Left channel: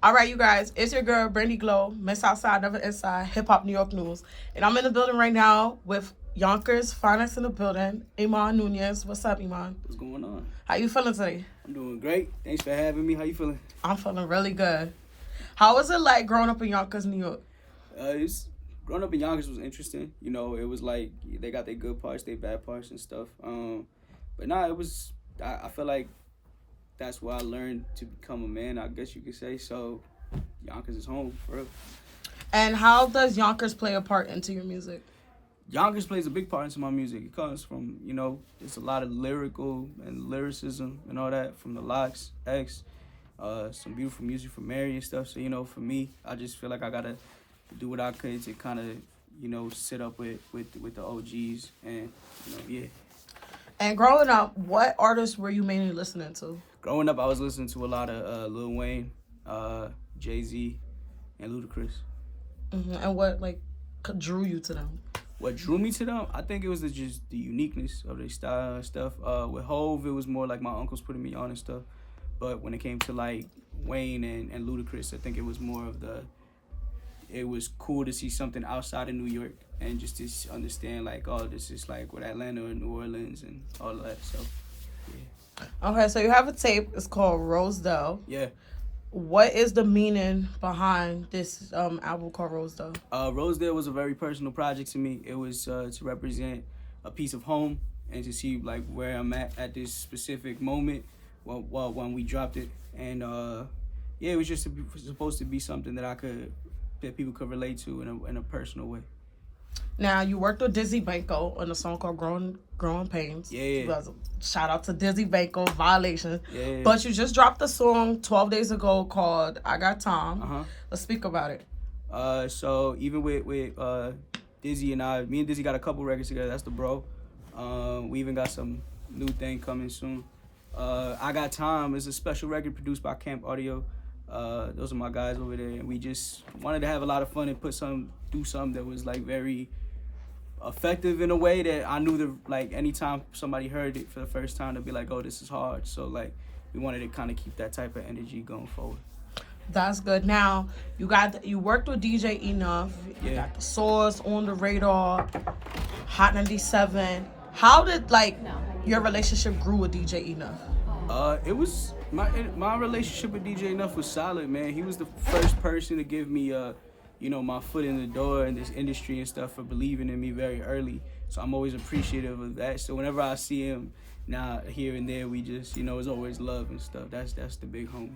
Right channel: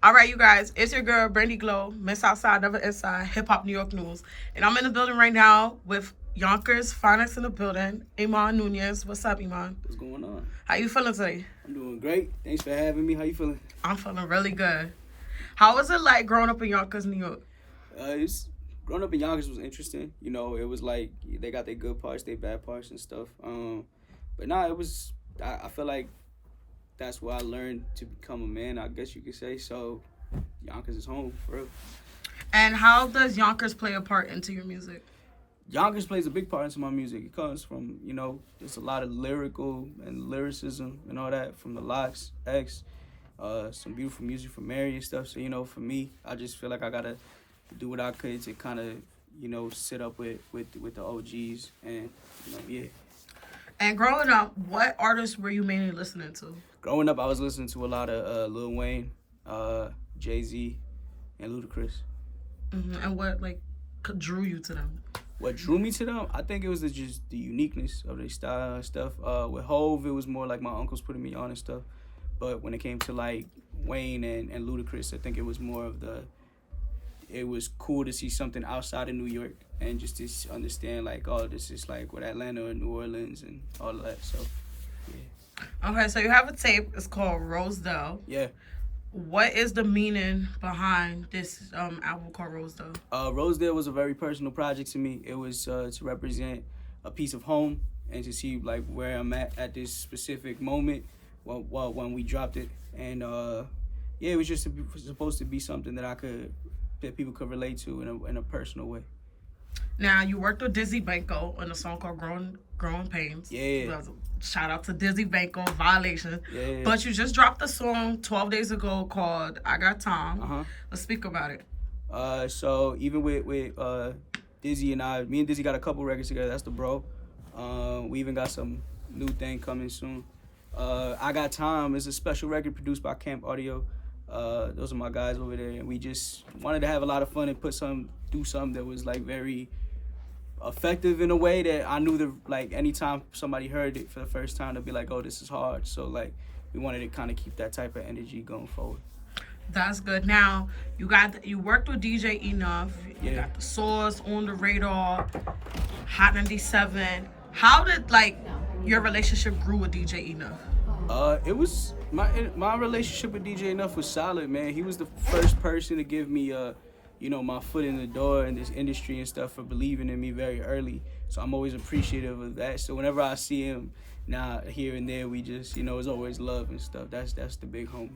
All right, you guys, it's your girl, Brandy Glow, Miss Outside, Never Inside, Hip Hop New York News. And I'm in the building right now with Yonkers, finest in the building, Iman Nunez. What's up, Iman? What's going on? How you feeling today? I'm doing great. Thanks for having me. How you feeling? I'm feeling really good. How was it like growing up in Yonkers, New York? It's growing up in Yonkers was interesting. You know, it was like they got their good parts, their bad parts and stuff. But nah, it was. I feel like that's where I learned to become a man, I guess you could say. So Yonkers is home for real. And how does Yonkers play a part into your music? Yonkers plays a big part into my music. It comes from, there's a lot of lyrical and lyricism and all that from the Locks, X, some beautiful music from Mary and stuff. So, for me, I just feel like I gotta do what I could to kind of, sit up with the OGs and, yeah. And growing up, what artists were you mainly listening to? Growing up, I was listening to a lot of Lil Wayne, Jay-Z, and Ludacris. And what, drew you to them? What drew me to them, I think it was just the uniqueness of their style and stuff. With Hove, it was more like my uncles putting me on and stuff. But when it came to like Wayne and Ludacris, I think it was more of it was cool to see something outside of New York and just to understand like, oh, this is like what Atlanta or New Orleans and all of that. So, yeah. Okay, so you have a tape. It's called Rosedale. Yeah. What is the meaning behind this album called Rosedale? Rosedale was a very personal project to me. It was to represent a piece of home and to see like where I'm at this specific moment when we dropped it. And yeah, it was just supposed to be something that people could relate to in a personal way. Now, you worked with Dizzy Banko on a song called Growing Pains. Yeah. Shout out to Dizzy Banko, Violation. Yeah. But you just dropped a song 12 days ago called I Got Time. Let's speak about it. So even with Dizzy and me and Dizzy got a couple records together. That's the bro. We even got some new thing coming soon. I Got Time is a special record produced by Camp Audio. Those are my guys over there, and we just wanted to have a lot of fun and do something that was like very effective in a way that I knew that like anytime somebody heard it for the first time, they'd be like, oh, this is hard. So like we wanted to kind of keep that type of energy going forward. That's good. Now you worked with DJ Enough. You got The Source, On the Radar, Hot 97. How did your relationship grew with DJ Enough? It was my relationship with DJ Enough was solid, man. He was the first person to give me my foot in the door in this industry and stuff, for believing in me very early. So I'm always appreciative of that. So whenever I see him now here and there, we just it's always love and stuff. That's the big homie.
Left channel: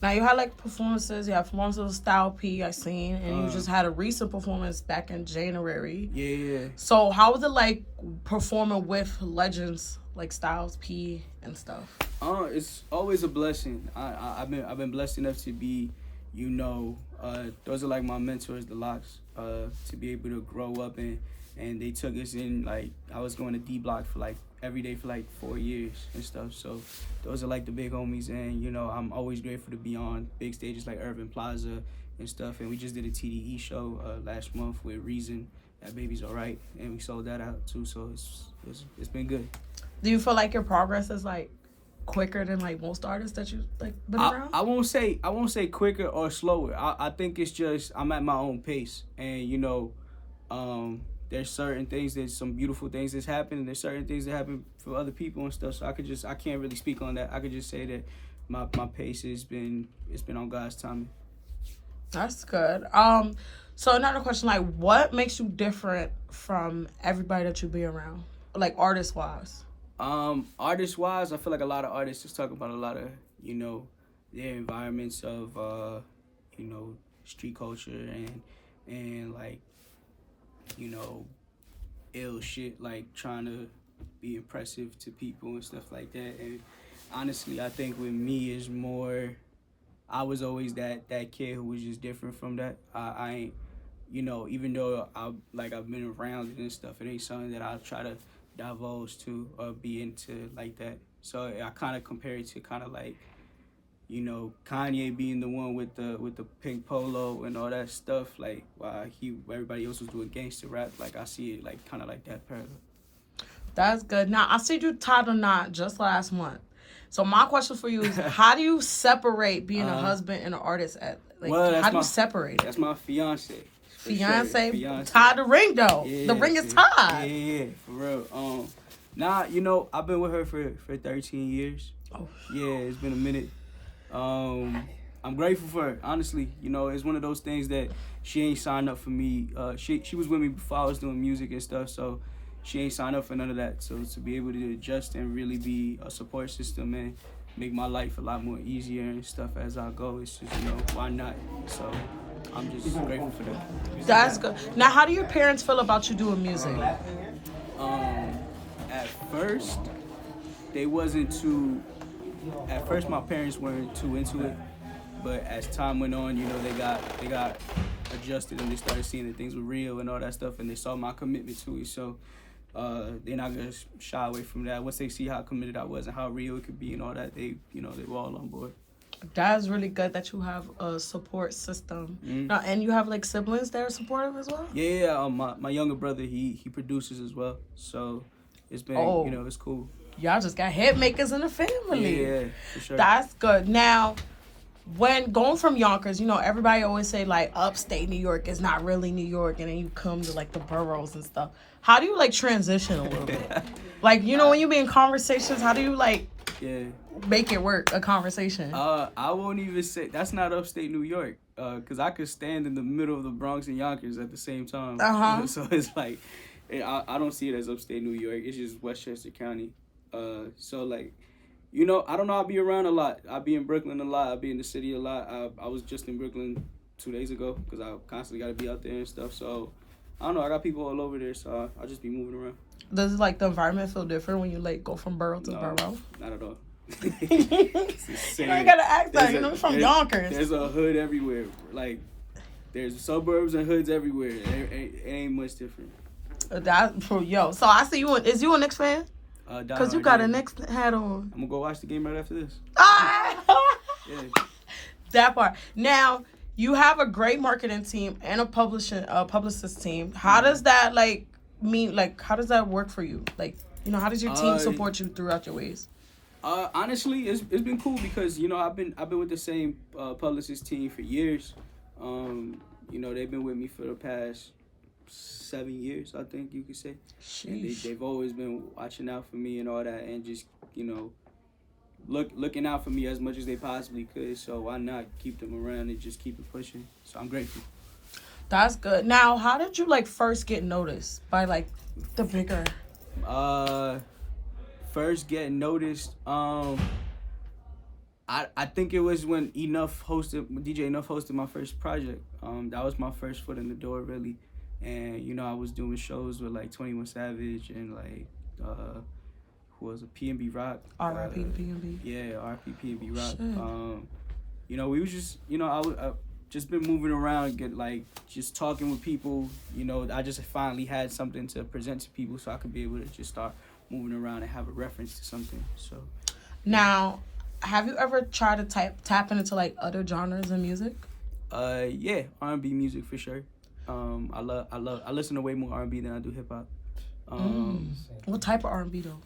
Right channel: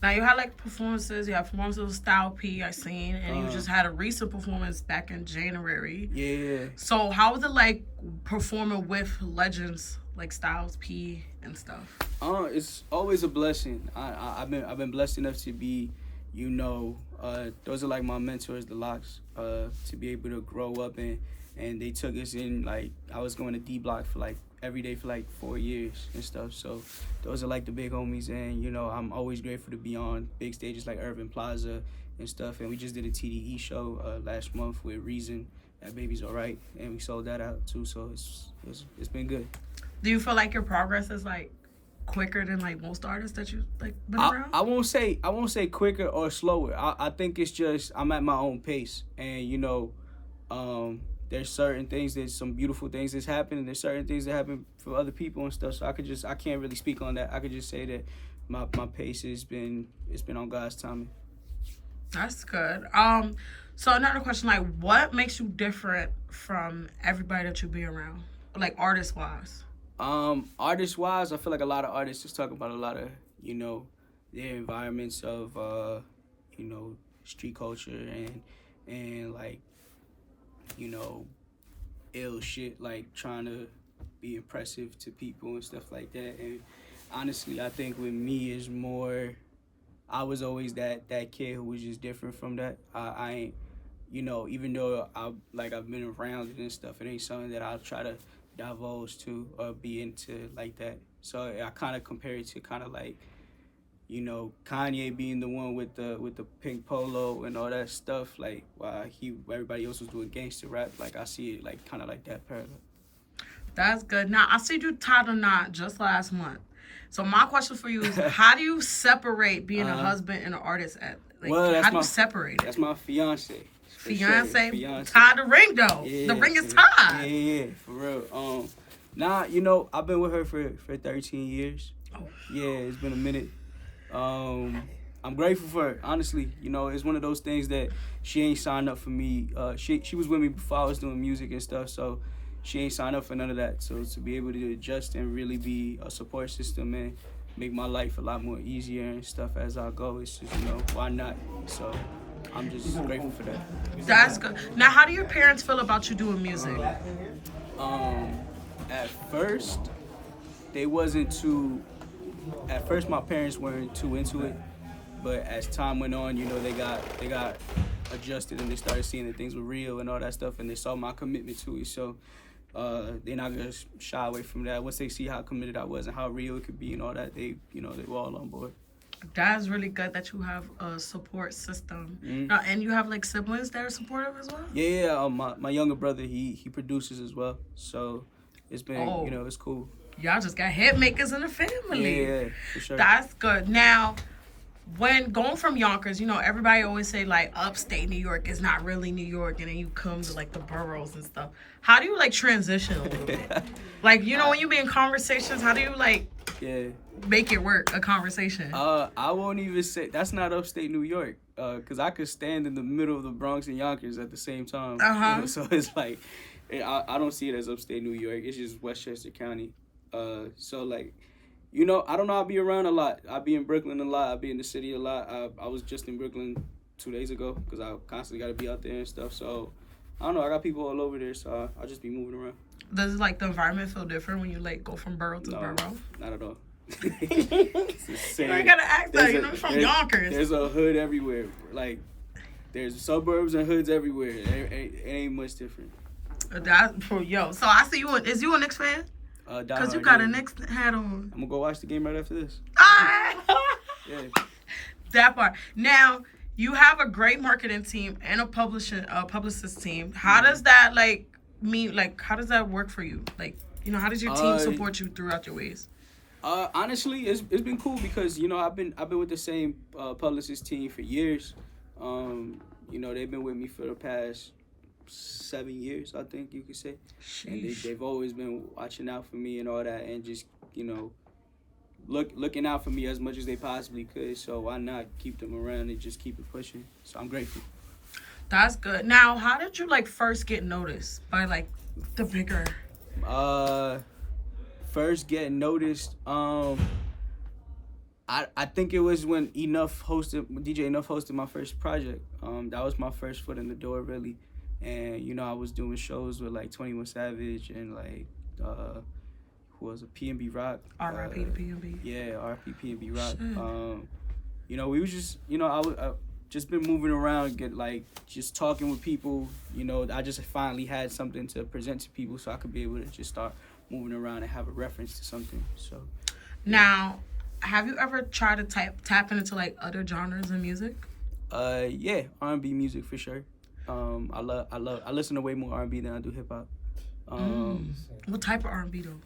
Now you had performances. You had performances with Style P, I seen, and you just had a recent performance back in January. Yeah. So how was it performing with legends like Styles P and stuff? It's always a blessing. I've been blessed enough to be, those are like my mentors, the Locks, to be able to grow up and they took us in I was going to D Block for every day for 4 years and stuff. So those are the big homies, and I'm always grateful to be on big stages like Urban Plaza and stuff. And we just did a TDE show last month with Reason, That Baby's Alright, and we sold that out too. So it's been good. Do you feel like your progress is quicker than most artists that you been around? I won't say quicker or slower. I think it's just I'm at my own pace, and there's certain things, there's some beautiful things that's happened, and there's certain things that happen for other people and stuff. So I can't really speak on that. I could just say that my pace it's been on God's timing. That's good. So another question, what makes you different from everybody that you be around, artist wise? Artist wise, I feel like a lot of artists just talk about a lot of their environments of street culture and ill shit, trying to be impressive to people and stuff like that. And honestly, I think with me is more, I was always that kid who was just different from that. I ain't, even though I've been around it and stuff, it ain't something that I'll try to divulge to or be into like that. So I kind of compare it to Kanye being the one with the pink polo and all that stuff, while everybody else was doing gangster rap. I see it kind of like that parallel. That's good. Now I see you tied a knot just last month. So my question for you is, how do you separate being a husband and an artist? How do you separate? That's my fiance. Fiance, sure. tied the ring though. Yeah, the ring is tied. Yeah, for real. Nah, I've been with her for 13 years. Oh. Yeah, it's been a minute. I'm grateful for her, honestly. It's one of those things that she ain't signed up for me. She was with me before I was doing music and stuff, so she ain't signed up for none of that. So to be able to adjust and really be a support system and make my life a lot more easier and stuff as I go, it's just, why not? So I'm just grateful for that. That's good. Now, how do your parents feel about you doing music? At first, they wasn't too. At first, my parents weren't too into it, but as time went on, they got adjusted and they started seeing that things were real and all that stuff, and they saw my commitment to it. So they're not gonna shy away from that. Once they see how committed I was and how real it could be and all that, they were all on board. That's really good that you have a support system. And you have like siblings that are supportive as well? Yeah. My younger brother, he produces as well. So it's been, it's cool. Y'all just got hit makers in the family. Yeah, for sure. That's good. Now, when going from Yonkers, everybody always say like upstate New York is not really New York, and then you come to like the boroughs and stuff. How do you like transition a little bit? Like, when you be in conversations, how do you like make it work, a conversation? I won't even say that's not upstate New York, because I could stand in the middle of the Bronx and Yonkers at the same time. So it's like, I don't see it as upstate New York. It's just Westchester County. So like, I don't know. I'll be around a lot. I'll be in Brooklyn a lot. I'll be in the city a lot. I was just in Brooklyn 2 days ago because I constantly got to be out there and stuff. So I don't know. I got people all over there, so I'll just be moving around. Does like the environment feel different when you like go from borough to borough? Not at all. It's the same. You gotta act like you're from Yonkers. There's a hood everywhere. Like there's suburbs and hoods everywhere. It ain't much different. So I see you. Is you a Knicks fan? Because you got a Knicks hat on. I'm gonna go watch the game right after this. Yeah. That part. Now, you have a great marketing team and a publicist team. How does that how does that work for you? Like, how does your team support you throughout your ways? Honestly, it's been cool because I've been with the same publicist team for years. They've been with me for the past 7 years, I think you could say. Sheesh. And they've always been watching out for me and all that, and just looking out for me as much as they possibly could. So why not keep them around and just keep it pushing? So I'm grateful. That's good. Now, how did you first get noticed by the bigger? First getting noticed. I think it was when DJ Enough hosted my first project. That was my first foot in the door, really. And I was doing shows with 21 Savage and who was a P&B Rock. R.I.P. P&B. Yeah, R.I.P. P&B Rock. We was just I just been moving around, just talking with people. I just finally had something to present to people, so I could be able to just start moving around and have a reference to something. So now, have you ever tried to tap into other genres of music? Yeah, R&B music for sure. I listen to way more R&B than I do hip hop. What type of R&B though?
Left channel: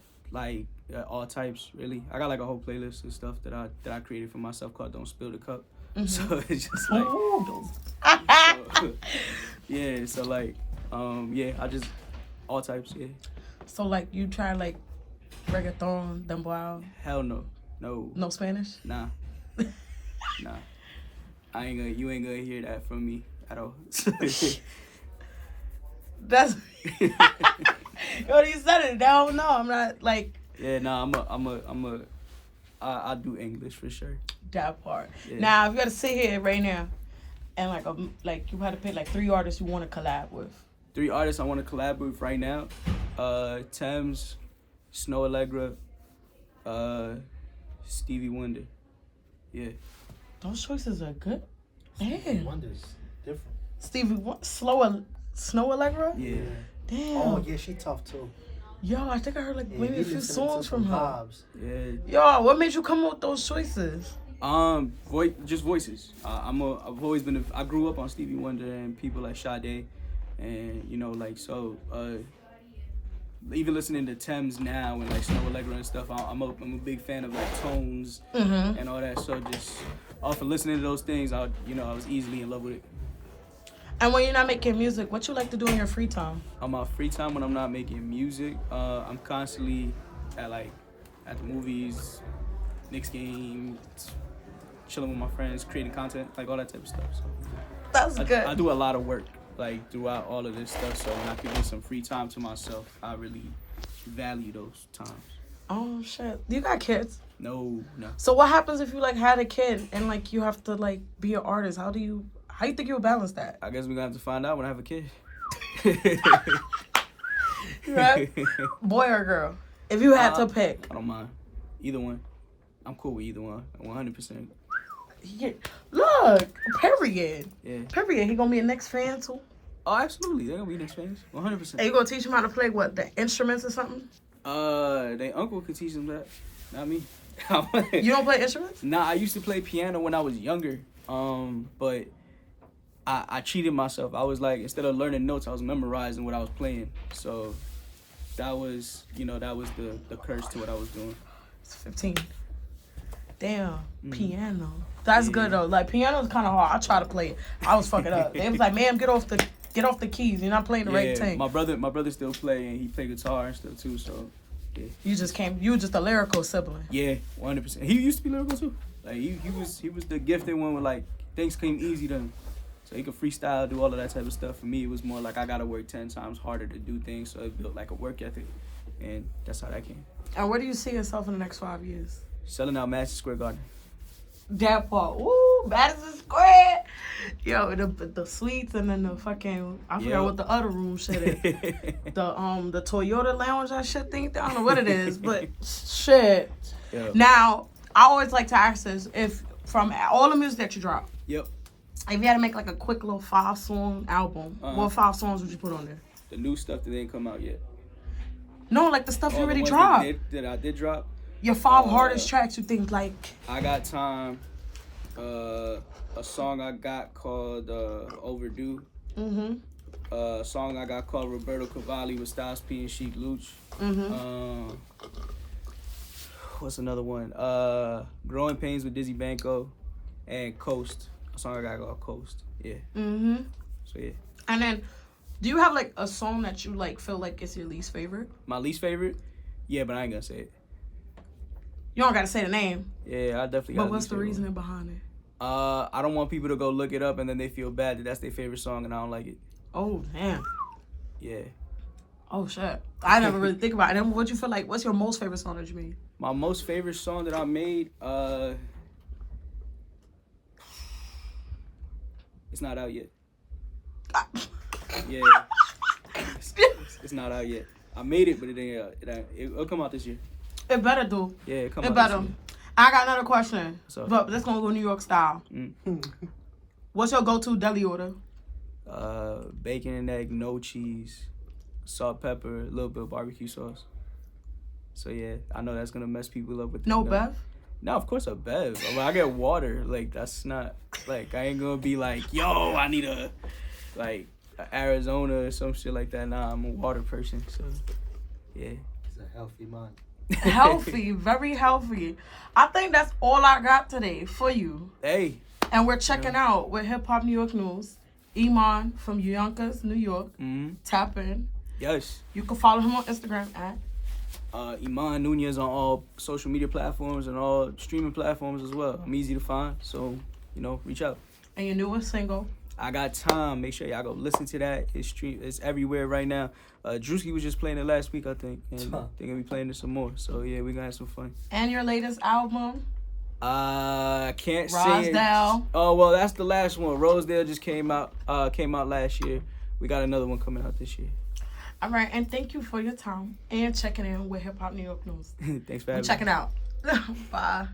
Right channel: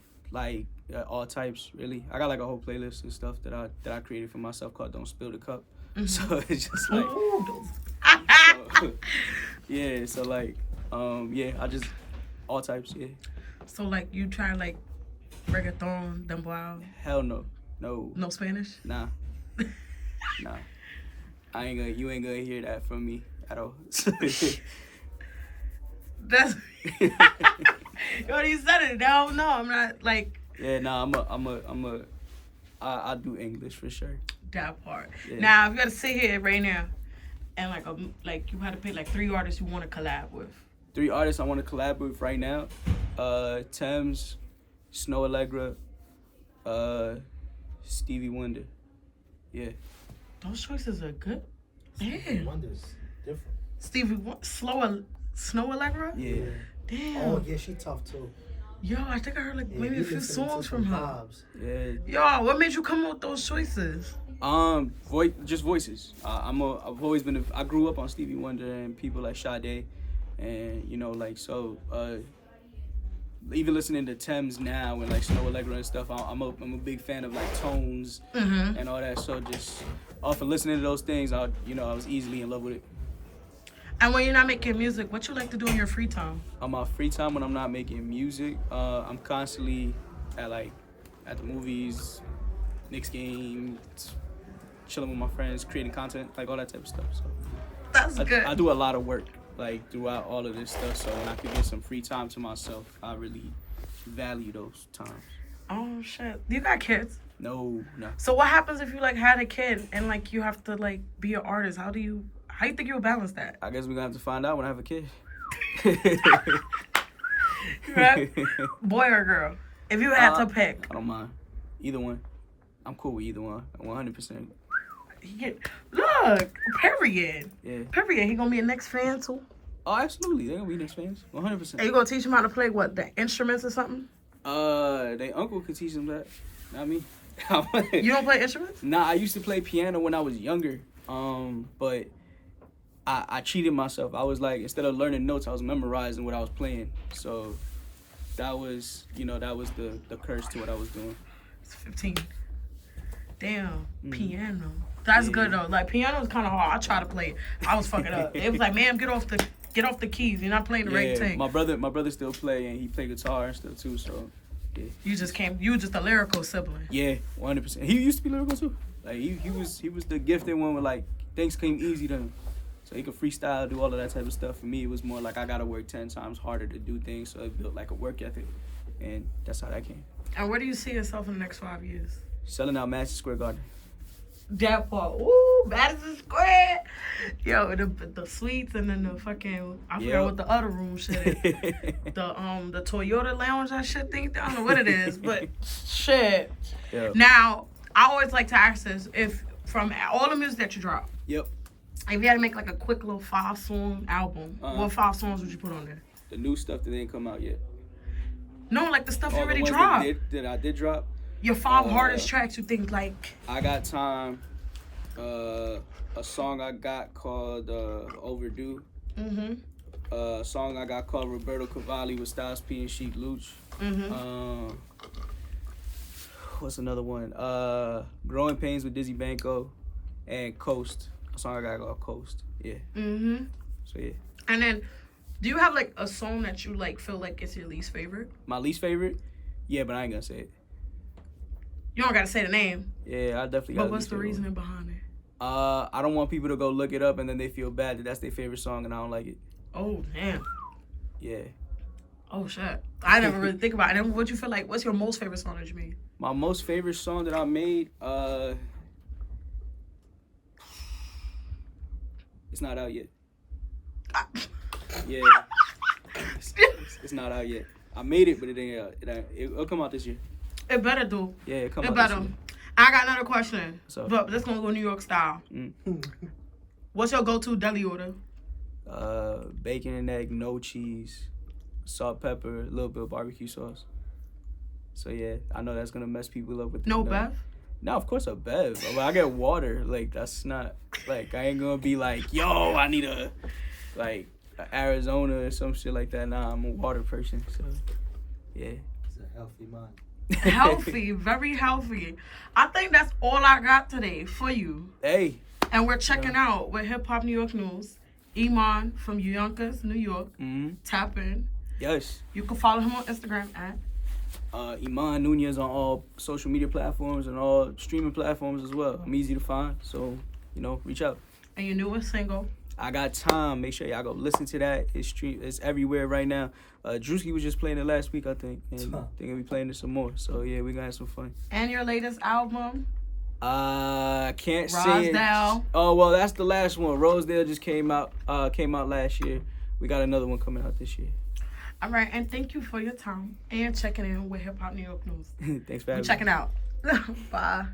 All types, really. I got a whole playlist and stuff that I created for myself called "Don't Spill the Cup." Mm-hmm. So it's just yeah. So yeah, I just all types, yeah. So you try reggaeton, dembow? Hell no. No Spanish? Nah. Nah. You ain't gonna hear that from me at all. That's what you said it. No, I'm not Yeah, nah. I do English for sure. That part. Yeah. Now, if you had to sit here right now, and you had to pick 3 artists you want to collab with. 3 artists I want to collab with right now: Thames, Snow Allegra, Stevie Wonder. Yeah. Those choices are good. Stevie Wonder's different. Snow Allegra? Yeah. Damn. Oh yeah, she tough too. Yo, I think I heard maybe a few songs from her. Vibes. Yeah. Yo, what made you come up with those choices? Just voices. I've always been. I grew up on Stevie Wonder and people like Sade, and even listening to Thames now and like Snow Allegra and stuff, I'm a big fan of like tones and all that. So just off of listening to those things, I was easily in love with it. And when you're not making music, what you like to do in your free time? On my free time when I'm not making music, I'm constantly at the movies, Knicks game, chilling with my friends, creating content, like all that type of stuff. So That's good. I do a lot of work like throughout all of this stuff. So when I can get some free time to myself, I really value those times. Oh shit! You got kids? No. So what happens if you like had a kid and like you have to like be an artist? How do you think you'll balance that? I guess we're gonna have to find out when I have a kid. Right? Boy or girl? If you had to pick. I don't mind. Either one. I'm cool with either one. 100%. Yeah. Look, period. Yeah. Period. He gonna be a Knicks fan too? Oh, absolutely. They're gonna be Knicks fans. 100%. And you gonna teach him how to play what, the instruments or something? Their uncle could teach them that. Not me. You don't play instruments? Nah, I used to play piano when I was younger. But I cheated myself. I was like, instead of learning notes, I was memorizing what I was playing. So that was the curse to what I was doing. It's 15. Damn, piano. That's good though. Like piano's kind of hard. I try to play it. I was fucking up. It was like, man, get off the keys. You're not playing the right thing. My brother still play and he play guitar and stuff too. So yeah. You were just a lyrical sibling. Yeah, 100%. He used to be lyrical too. Like he was the gifted one where like things came easy to him. So he could freestyle, do all of that type of stuff. For me, it was more like I gotta work 10 times harder to do things. So it built like a work ethic, and that's how that came. And where do you see yourself in the next 5 years? Selling out Madison Square Garden. That part. Ooh, Madison Square. Yo, the suites and then the fucking, I forgot what the other room shit is. The Toyota Lounge, that shit thing. I don't know what it is, but shit. Yep. Now, I always like to ask this, if from all the music that you drop, Yep. if you had to make like a quick little 5-song album, what 5 songs would you put on there? The new stuff that didn't come out yet. No, like the stuff you already the ones dropped. that I did drop. Your 5 hardest tracks you think like... I Got Time. A song I got called Overdue. Mm-hmm. A song I got called Roberto Cavalli with Styles P and Sheik Luch. Mm-hmm. What's another one? Growing Pains with Dizzy Banco. And Coast. A song I got called Coast. Yeah. Mm-hmm. So yeah. And then, do you have like a song that you like feel like is your least favorite? My least favorite? Yeah, but I ain't gonna say it. You don't gotta say the name. Yeah, I definitely got. But what's the reasoning behind it? I don't want people to go look it up and then they feel bad that that's their favorite song and I don't like it. Oh damn. Yeah. Oh shit. I never really think about it. And what you feel like? What's your most favorite song that you made? My most favorite song that I made, it's not out yet. Yeah. It's not out yet. I made it, but it ain't out. It'll come out this year. It better do. Yeah, it come out better. this year. I got another question. So, but this gonna go New York style. What's your go-to deli order? Bacon and egg, no cheese, salt, pepper, a little bit of barbecue sauce. So yeah, I know that's gonna mess people up with no bev. No, of course a bev. I get water. Like that's not like I ain't gonna be like, yo, I need a Arizona or some shit like that. Nah, I'm a water person. So yeah. It's a healthy mind. Healthy, very healthy. I think that's all I got today for you. Hey. And we're checking out with Hip Hop New York News. Iman from Yonkers, New York. Tap in. Yes. You can follow him on Instagram at Iman Nunez on all social media platforms and all streaming platforms as well. I'm easy to find, so reach out. And your newest single, I Got Time. Make sure y'all go listen to that. It's everywhere right now. Drewski was just playing it last week, I think, and they're gonna be playing it some more. So yeah, we're gonna have some fun. And your latest album? I can't say it. Rosedale. Oh well, that's the last one. Rosedale just came out last year. We got another one coming out this year. All right, and thank you for your time and checking in with Hip Hop New York News. Thanks for having me. Checking out. Bye.